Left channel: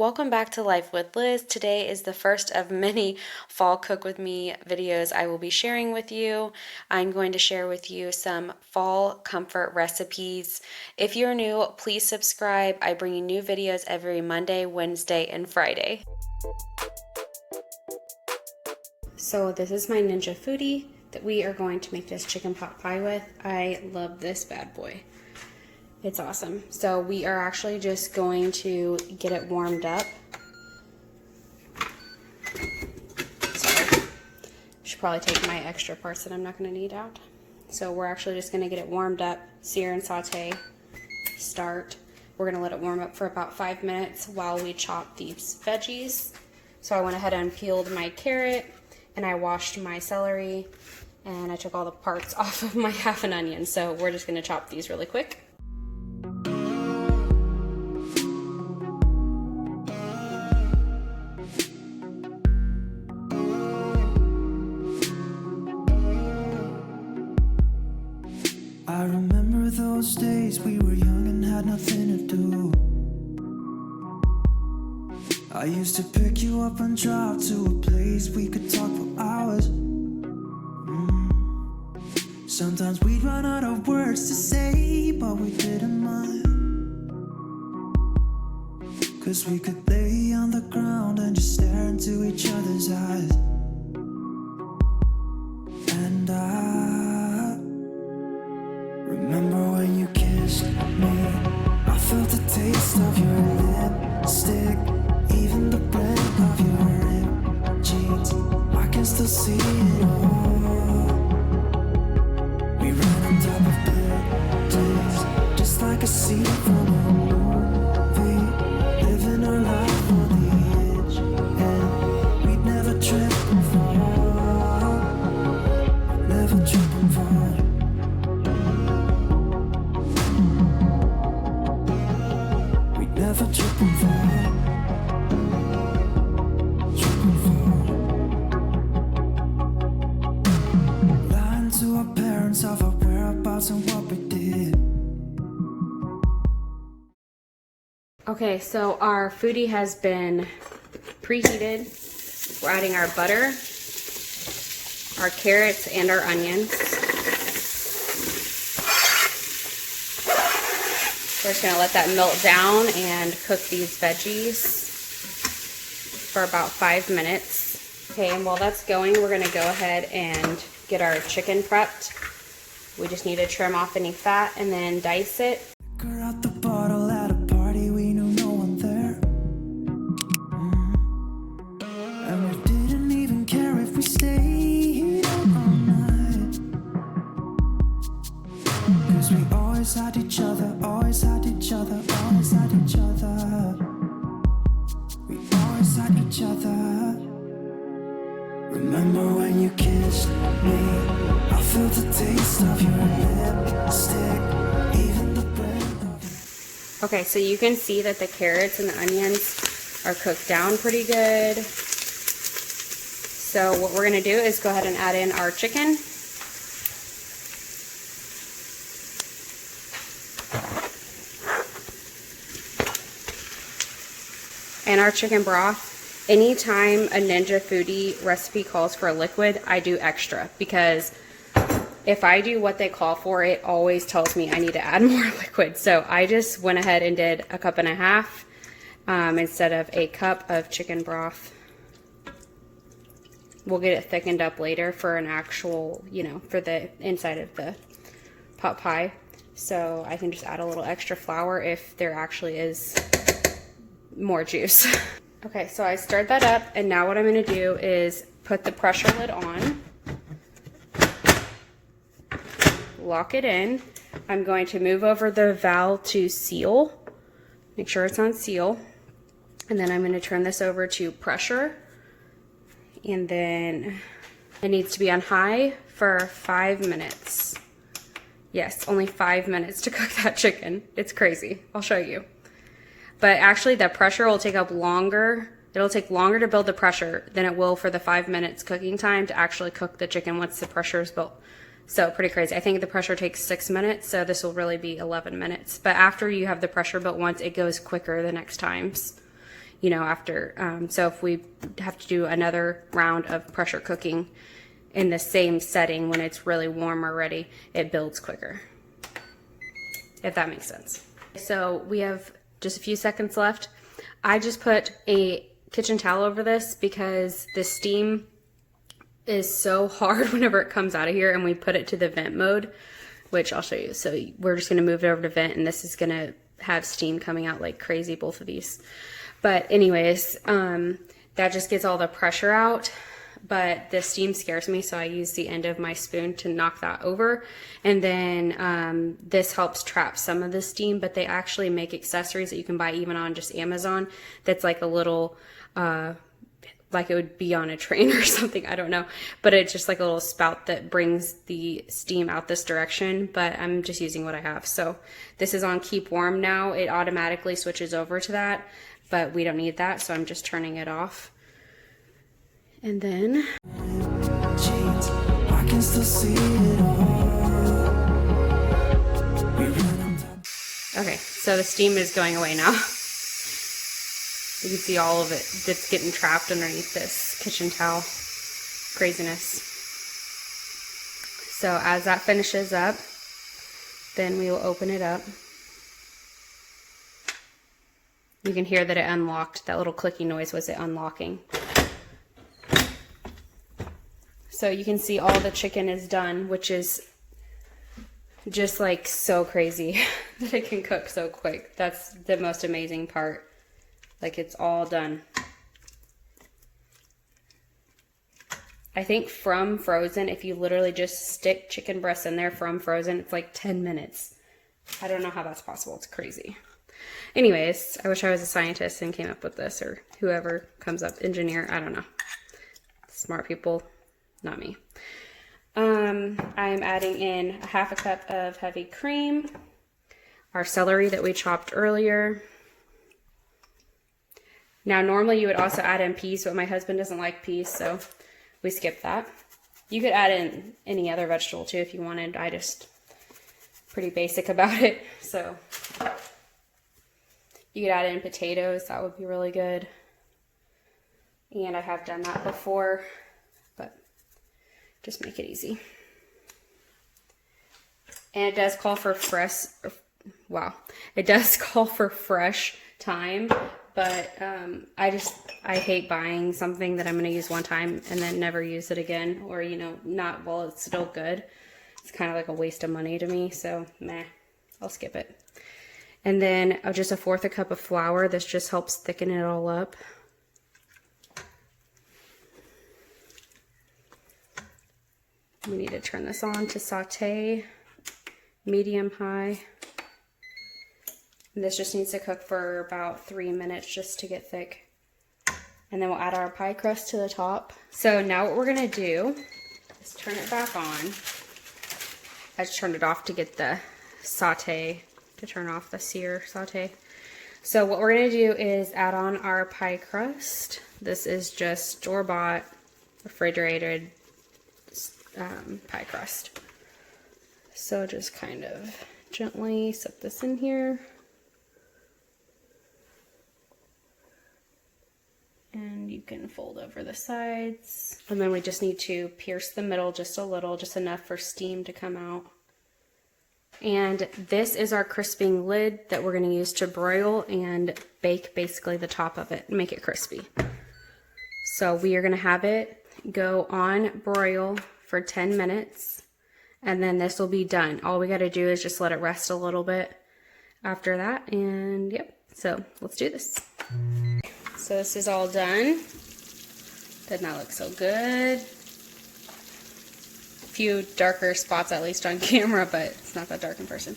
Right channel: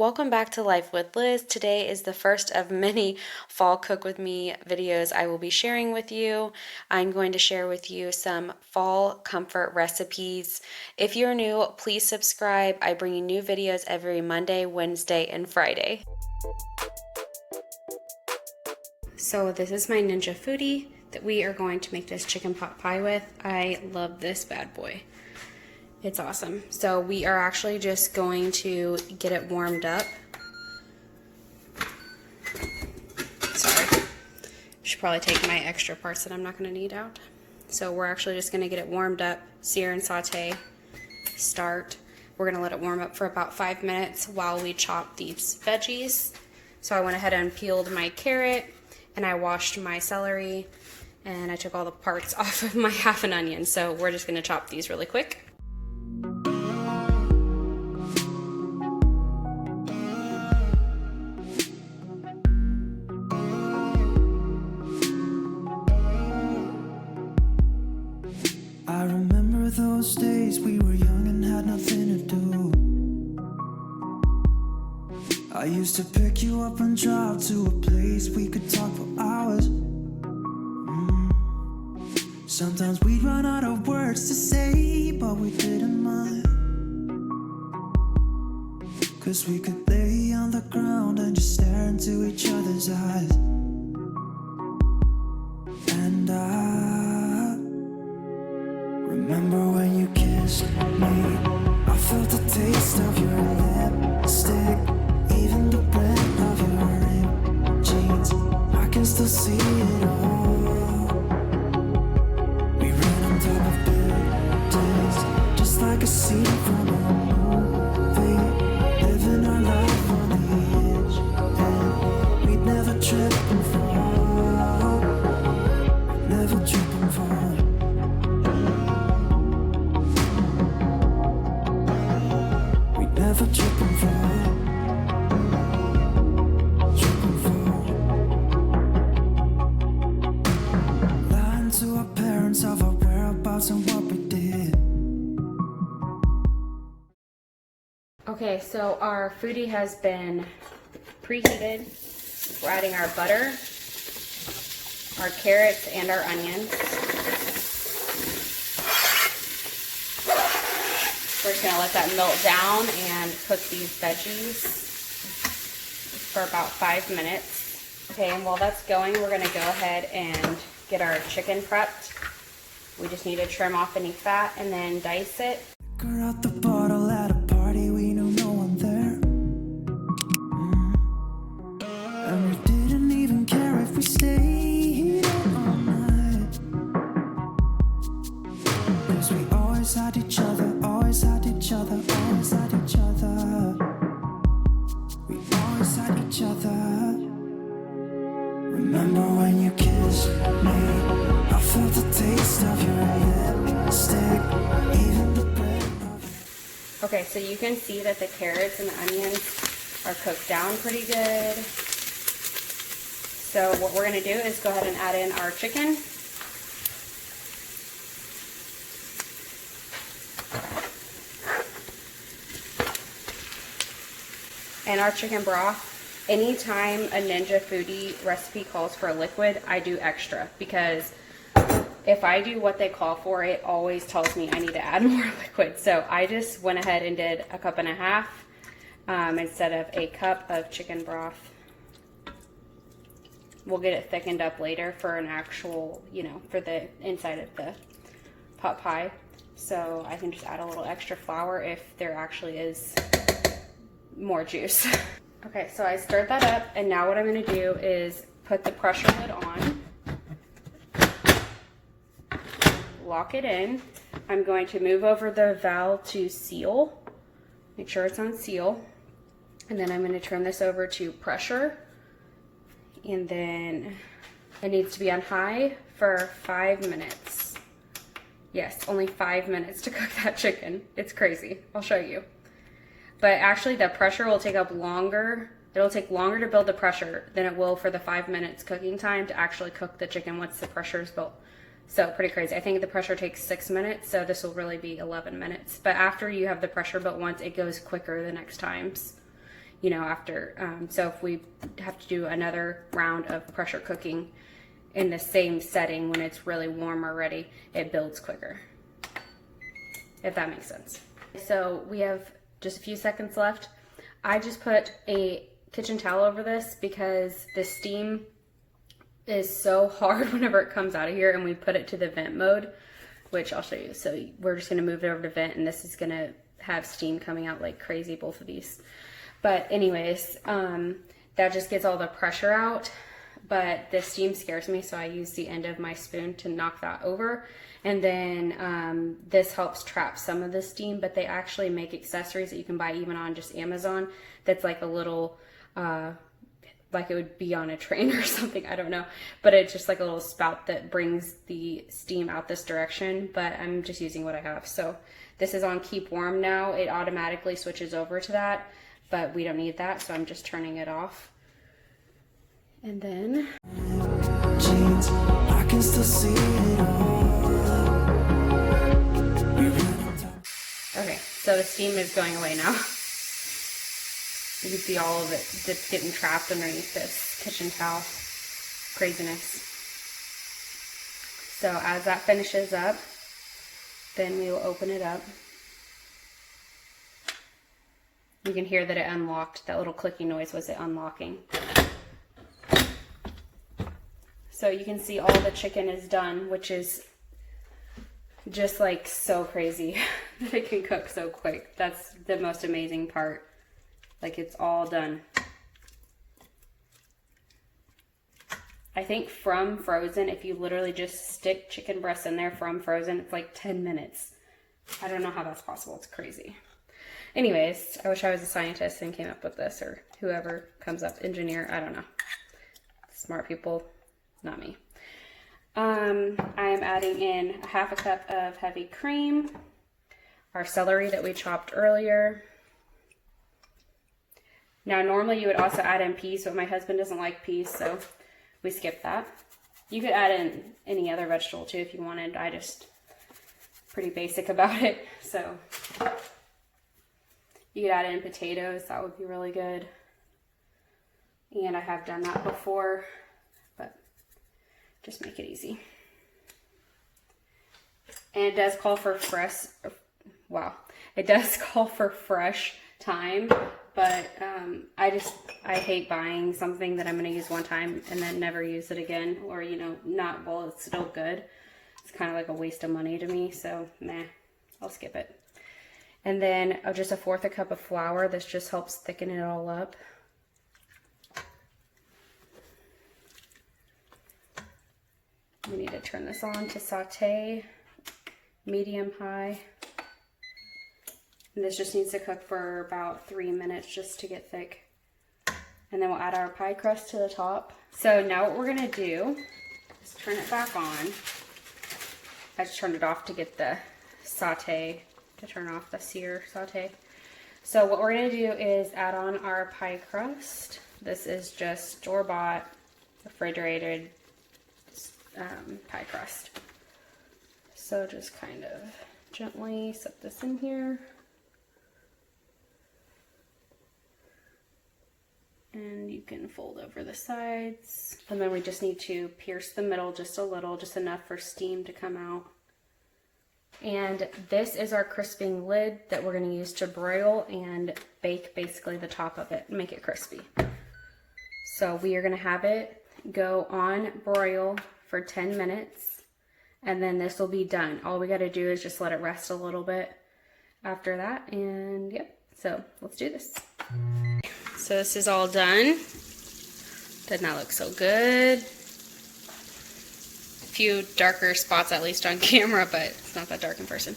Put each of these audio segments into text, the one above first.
Welcome back to Life with Liz. Today is the first of many fall cook with me videos I will be sharing with you. I'm going to share with you some fall comfort recipes. If you're new, please subscribe. I bring you new videos every Monday, Wednesday, and Friday. So this is my Ninja Foodi that we are going to make this chicken pot pie with. I love this bad boy. It's awesome. So we are actually just going to get it warmed up. Sorry. Should probably take my extra parts that I'm not going to need out. So we're actually just going to get it warmed up, sear and saute, start. We're going to let it warm up for about 5 minutes while we chop these veggies. So I went ahead and peeled my carrot and I washed my celery and I took all the parts off of my half an onion. So we're just going to chop these really quick. I remember those days we were young and had nothing to do. I used to pick you up and drive to a place we could talk for hours. Sometimes we'd run out of words to say, but we didn't mind. 'Cause we could lay on the ground and just stare into each other's eyes. And I remember when you kissed me, I felt the taste of your lipstick, even the print of your ripped jeans. I can still see it all. We ran on top of buildings, just like a scene from a movie, living our life on the edge, and we'd never trip and fall, never trip and fall. Never trip and fall, trip and fall. Lying to our parents of our whereabouts and what we did. Okay, so our foodie has been preheated. We're adding our butter, our carrots, and our onions. We're just going to let that melt down and cook these veggies for about 5 minutes. Okay, and while that's going, we're going to go ahead and get our chicken prepped. We just need to trim off any fat and then dice it. Liquor out the bottle at a party, we knew no one there. And we didn't even care if we stayed out all night. 'Cause we always had each other, always had each other, always had each other. We always had each other. Remember when you kissed me, I felt the taste of your lipstick, even the bread of... Okay, so you can see that the carrots and the onions are cooked down pretty good. So what we're going to do is go ahead and add in our chicken. And our chicken broth. Anytime a Ninja Foodi recipe calls for a liquid, I do extra, because if I do what they call for, it always tells me I need to add more liquid. So I just went ahead and did 1.5 cups instead of a cup of chicken broth. We'll get it thickened up later for an actual, for the inside of the pot pie. So I can just add a little extra flour if there actually is more juice. Okay, so I stirred that up, and now what I'm going to do is put the pressure lid on, lock it in. I'm going to move over the valve to seal, make sure it's on seal, and then I'm going to turn this over to pressure, and then it needs to be on high for 5 minutes. Yes, only 5 minutes to cook that chicken. It's crazy. I'll show you. But actually the pressure will take up longer. It'll take longer to build the pressure than it will for the 5 minutes cooking time to actually cook the chicken once the pressure is built. So pretty crazy. I think the pressure takes 6 minutes, so this will really be 11 minutes. But after you have the pressure built once, it goes quicker the next times. you know, after. So if we have to do another round of pressure cooking in the same setting when it's really warm already, it builds quicker, if that makes sense. So we have just a few seconds left. I just put a kitchen towel over this because the steam is so hard whenever it comes out of here, and we put it to the vent mode, which I'll show you. So we're just gonna move it over to vent, and this is gonna have steam coming out like crazy, both of these. But anyways, that just gets all the pressure out, but the steam scares me, so I use the end of my spoon to knock that over. And then this helps trap some of the steam, but they actually make accessories that you can buy even on just Amazon that's like a little, like it would be on a train or something, I don't know. But it's just like a little spout that brings the steam out this direction, but I'm just using what I have. So this is on keep warm now. It automatically switches over to that, but we don't need that, so I'm just turning it off. And then I can still see it all. Okay, so the steam is going away now. You can see all of it that's getting trapped underneath this kitchen towel. Craziness. So as that finishes up, then we will open it up. You can hear that it unlocked. That little clicking noise was it unlocking. So you can see all the chicken is done, which is just like so crazy that it can cook so quick. That's the most amazing part. Like, it's all done. I think from frozen, if you literally just stick chicken breasts in there from frozen, it's like 10 minutes. I don't know how that's possible. It's crazy. Anyways, I wish I was a scientist and came up with this, or whoever comes up, engineer, I don't know. Smart people, not me. I am adding in a half a cup of heavy cream, our celery that we chopped earlier. Now, normally you would also add in peas, but my husband doesn't like peas, so we skipped that. You could add in any other vegetable too if you wanted. I just pretty basic about it. So you could add in potatoes. That would be really good. And I have done that before, but just make it easy. And it does call for fresh, wow, it does call for fresh thyme. But I hate buying something that I'm going to use one time and then never use it again, or, you know, not while it's still good. It's kind of like a waste of money to me, so meh, I'll skip it. And then just a 1/4 cup of flour. This just helps thicken it all up. We need to turn this on to saute, medium high. And this just needs to cook for about 3 minutes just to get thick. And then we'll add our pie crust to the top. So now what we're gonna do is turn it back on. I just turned it off to get the saute, to turn off the sear saute. So what we're gonna do is add on our pie crust. This is just store-bought, refrigerated pie crust. So just kind of gently set this in here. And you can fold over the sides. And then we just need to pierce the middle just a little, just enough for steam to come out. And this is our crisping lid that we're gonna use to broil and bake basically the top of it and make it crispy. So we are gonna have it go on broil for 10 minutes, and then this will be done. All we gotta do is just let it rest a little bit after that, and yep, so let's do this. So this is all done. Doesn't that look so good? A few darker spots at least on camera, but it's not that dark in person.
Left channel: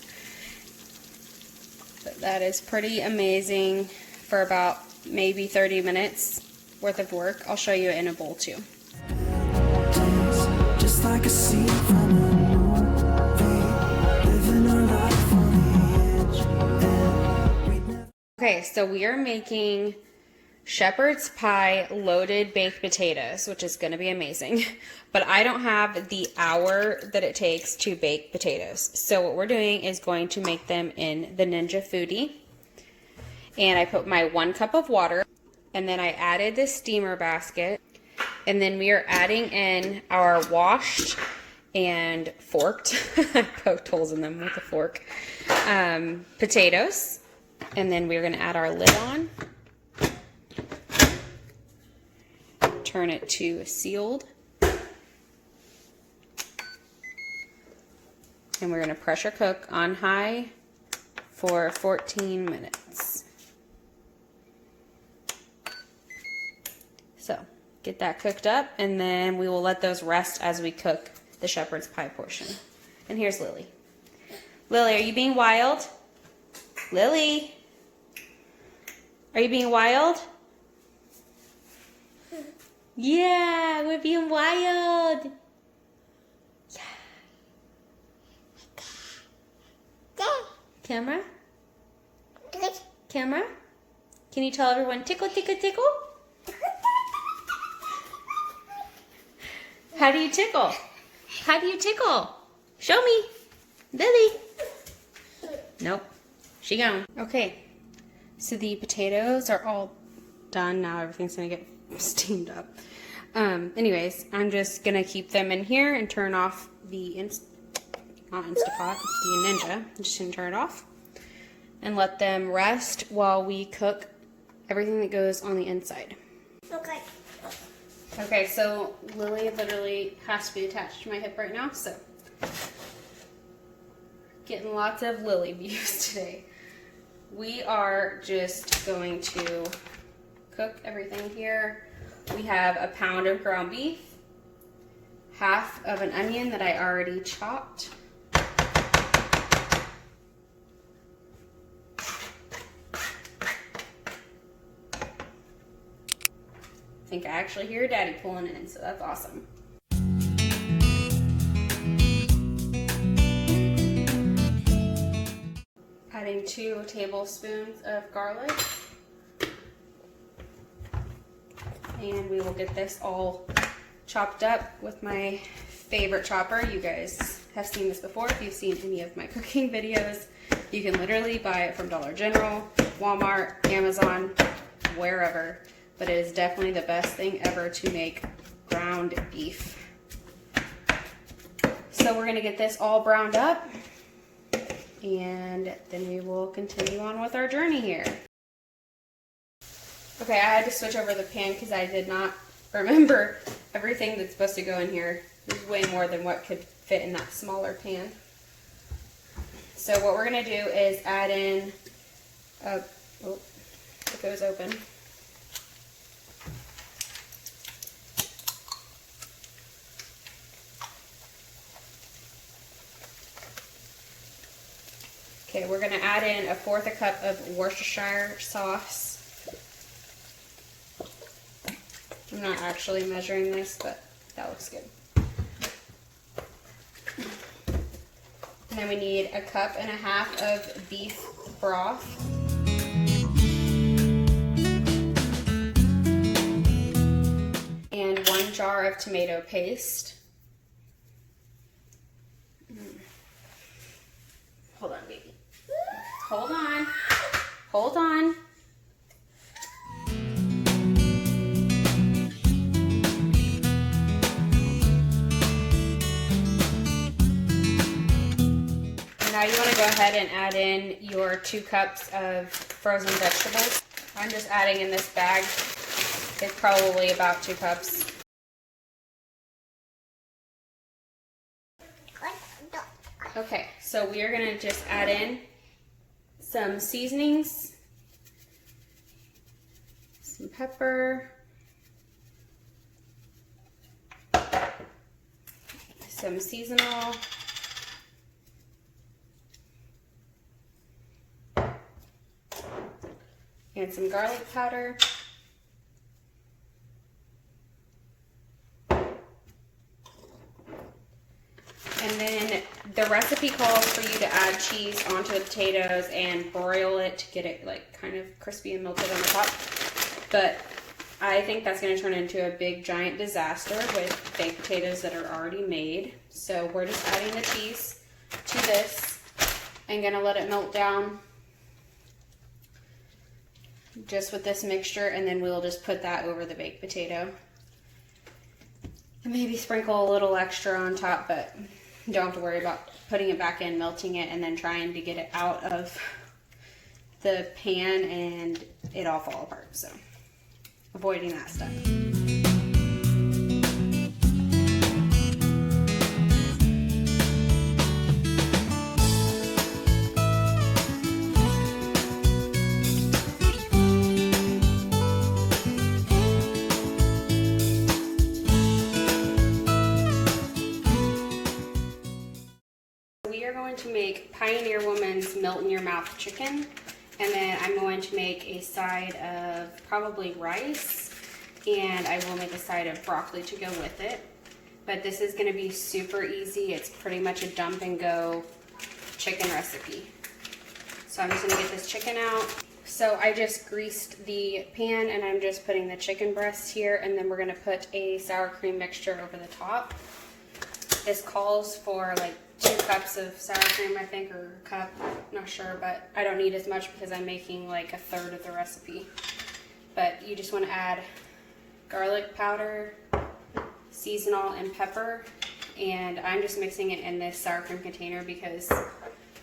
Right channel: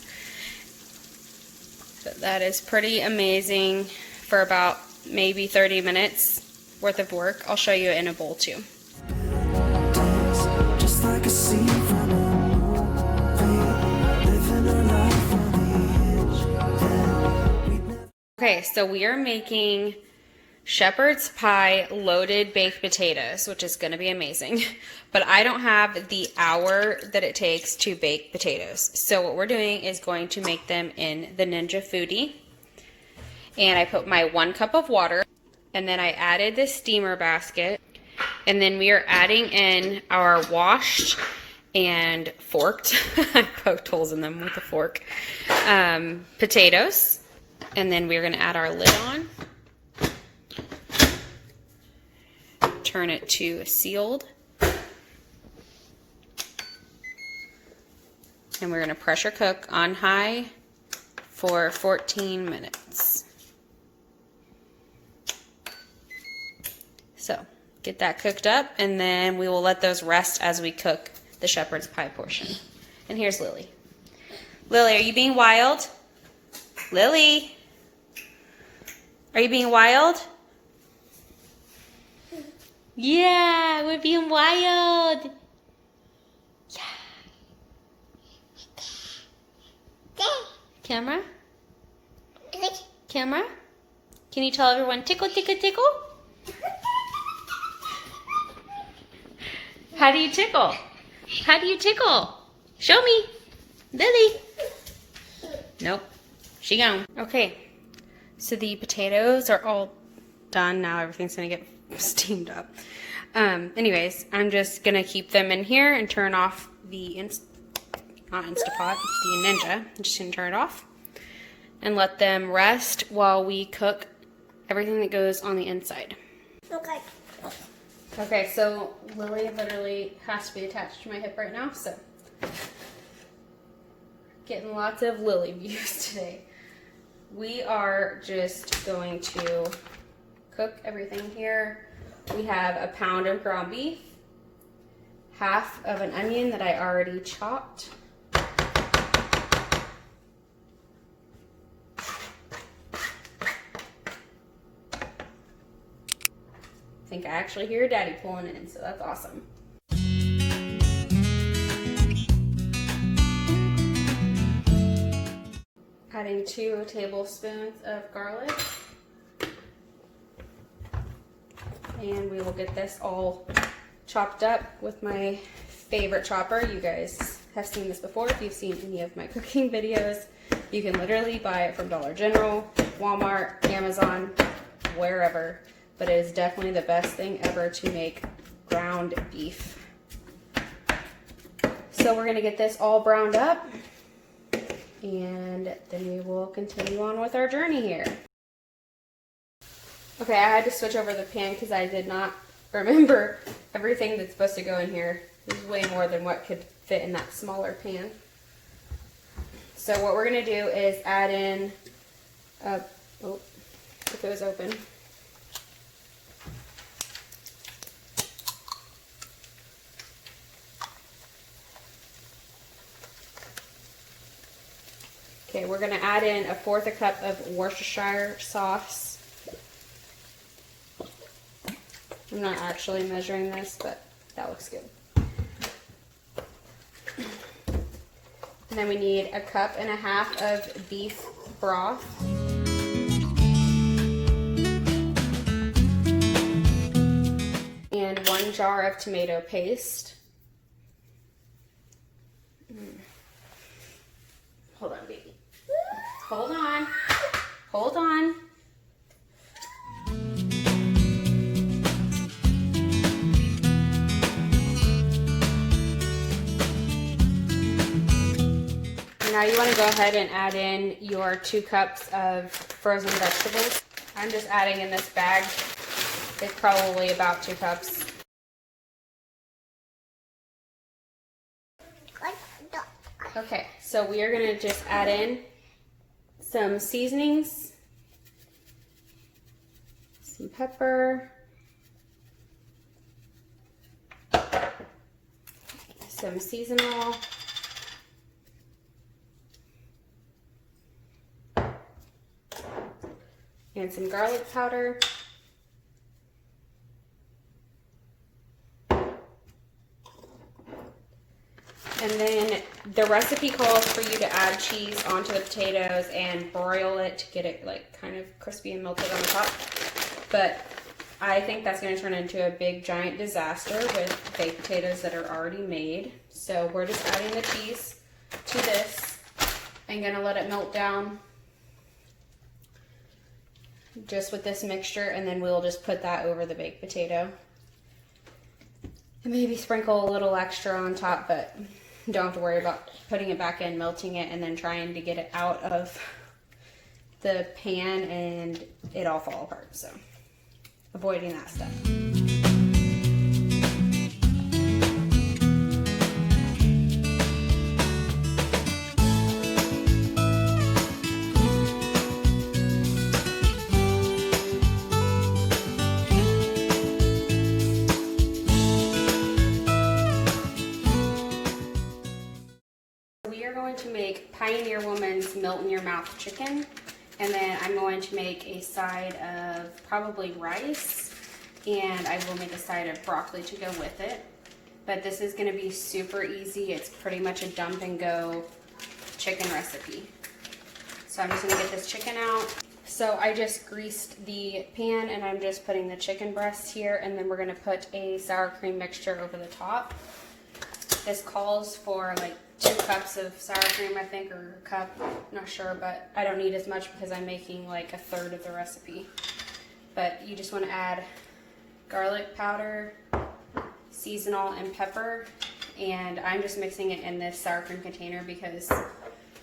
But that is pretty amazing for about maybe 30 minutes worth of work. I'll show you it in a bowl too. Just like a scene from a movie, living our life on the edge. Okay, so we are making shepherd's pie loaded baked potatoes, which is going to be amazing. But I don't have the hour that it takes to bake potatoes. So what we're doing is going to make them in the Ninja Foodi. And I put my 1 cup of water. And then I added the steamer basket. And then we are adding in our washed and forked, I poked holes in them with a fork, potatoes. And then we're going to add our lid on. Turn it to sealed. And we're going to pressure cook on high for 14 minutes. So get that cooked up, and then we will let those rest as we cook the shepherd's pie portion. And here's Lily. Lily, are you being wild? Lily, are you being wild? Yeah, we're being wild. Camera? Camera? Can you tell everyone tickle, tickle, tickle? How do you tickle? How do you tickle? Show me. Lily. Nope. She gone. Okay. So the potatoes are all done. Now everything's going to get steamed up. Anyways, I'm just going to keep them in here and turn off the not Instapot, the Ninja. I'm just going to turn it off and let them rest while we cook everything that goes on the inside. Okay. Okay, so Lily literally has to be attached to my hip right now, so getting lots of Lily views today. We are just going to cook everything here. We have a pound of ground beef, half of an onion that I already chopped, I think I actually hear Daddy pulling in, so that's awesome. Adding 2 tablespoons of garlic. And we will get this all chopped up with my favorite chopper. You guys have seen this before. If you've seen any of my cooking videos, you can literally buy it from Dollar General, Walmart, Amazon, wherever. But it is definitely the best thing ever to make ground beef. So we're going to get this all browned up, and then we will continue on with our journey here. Okay, I had to switch over the pan because I did not remember everything that's supposed to go in here. There's way more than what could fit in that smaller pan. So what we're going to do is add in, oh, it goes open. Okay, we're going to add in 1/4 cup of Worcestershire sauce. I'm not actually measuring this, but that looks good. And then we need 1.5 cups of beef broth. And 1 jar of tomato paste. Hold on, baby. Hold on. Hold on. Now you want to go ahead and add in your 2 cups of frozen vegetables. I'm just adding in this bag. It's probably about 2 cups. Okay, so we are going to just add in some seasonings, some pepper, some seasonal, and some garlic powder. And then the recipe calls for you to add cheese onto the potatoes and broil it to get it like kind of crispy and melted on the top. But I think that's going to turn into a big giant disaster with baked potatoes that are already made. So we're just adding the cheese to this and going to let it melt down. just with this mixture, and then we'll just put that over the baked potato. And maybe sprinkle a little extra on top, but don't have to worry about putting it back in, melting it, and then trying to get it out of the pan and it all fall apart. So avoiding that stuff. We are going to make Pioneer Woman's melt in your mouth chicken, and then I'm going to make a side of probably rice, and I will make a side of broccoli to go with it. But this is going to be super easy. It's pretty much a dump and go chicken recipe. So I'm just going to get this chicken out. So I just greased the pan, and I'm just putting the chicken breasts here, and then we're going to put a sour cream mixture over the top. This calls for like 2 cups of sour cream, I think, or a cup, not sure, but I don't need as much because I'm making like a third of the recipe. But you just want to add garlic powder, seasonal, and pepper, and I'm just mixing it in this sour cream container because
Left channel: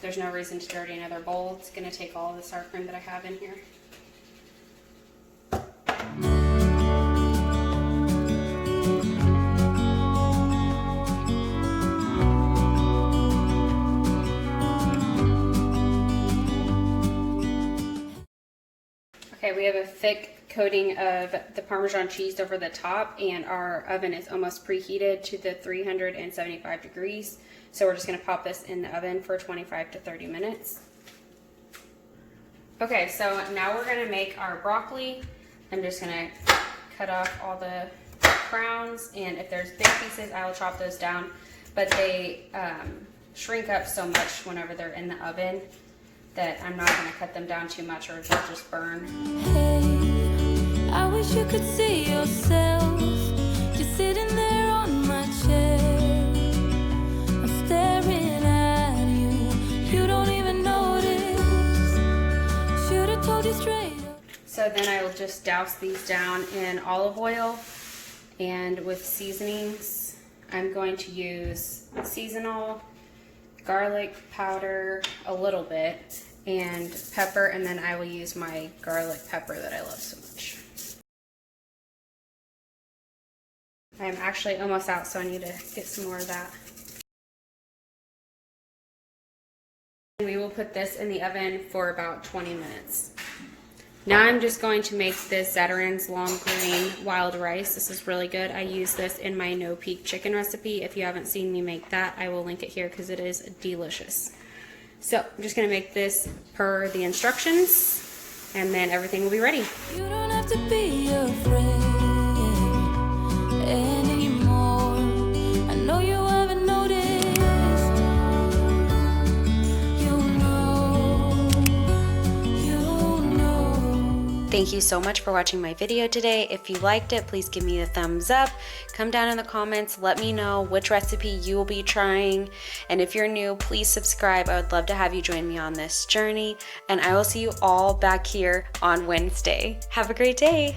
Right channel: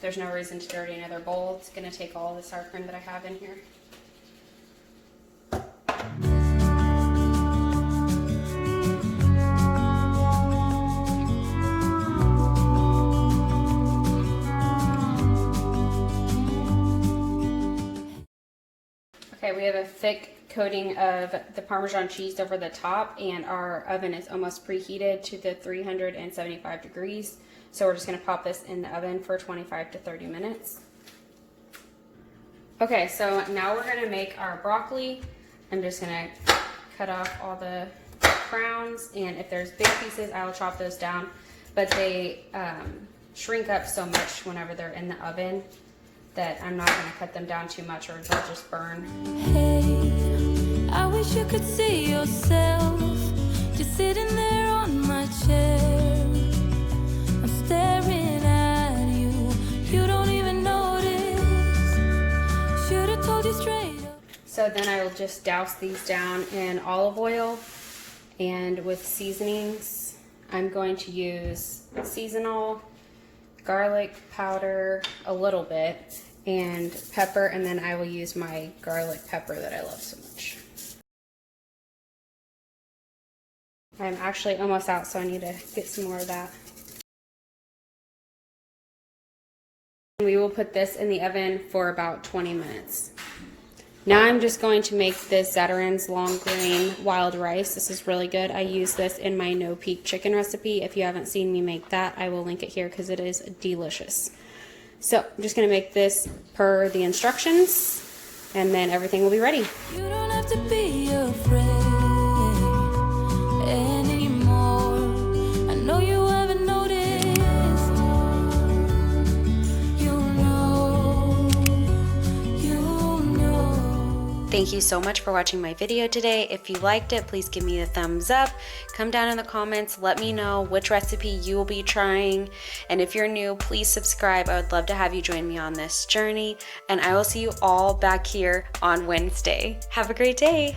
there's no reason to dirty another bowl. It's going to take all the sour cream that I have in here. Okay, we have a thick coating of the Parmesan cheese over the top, and our oven is almost preheated to the 375 degrees. So we're just going to pop this in the oven for 25 to 30 minutes. Okay, so now we're going to make our broccoli. I'm just going to cut off all the crowns, and if there's big pieces, I will chop those down. But they shrink up so much whenever they're in the oven that I'm not going to cut them down too much or they'll just burn. Hey, I wish you could see yourself just sitting there on my chair. I'm staring at you, you don't even notice. Should have told you straight up. So then I will just douse these down in olive oil, and with seasonings I'm going to use seasonal, garlic powder a little bit, and pepper, and then I will use my garlic pepper that I love so much. I'm actually almost out, so I need to get some more of that. We will put this in the oven for about 20 minutes. Now I'm just going to make this Zatarain's long grain wild rice. This is really good. I use this in my no peak chicken recipe. If you haven't seen me make that, I will link it here because it is delicious. So I'm just going to make this per the instructions, and then everything will be ready. You don't have to be afraid anymore. I know you haven't noticed. Thank you so much for watching my video today. If you liked it, please give me a thumbs up. Come down in the comments, let me know which recipe you will be trying. And if you're new, please subscribe. I would love to have you join me on this journey. And I will see you all back here on Wednesday. Have a great day.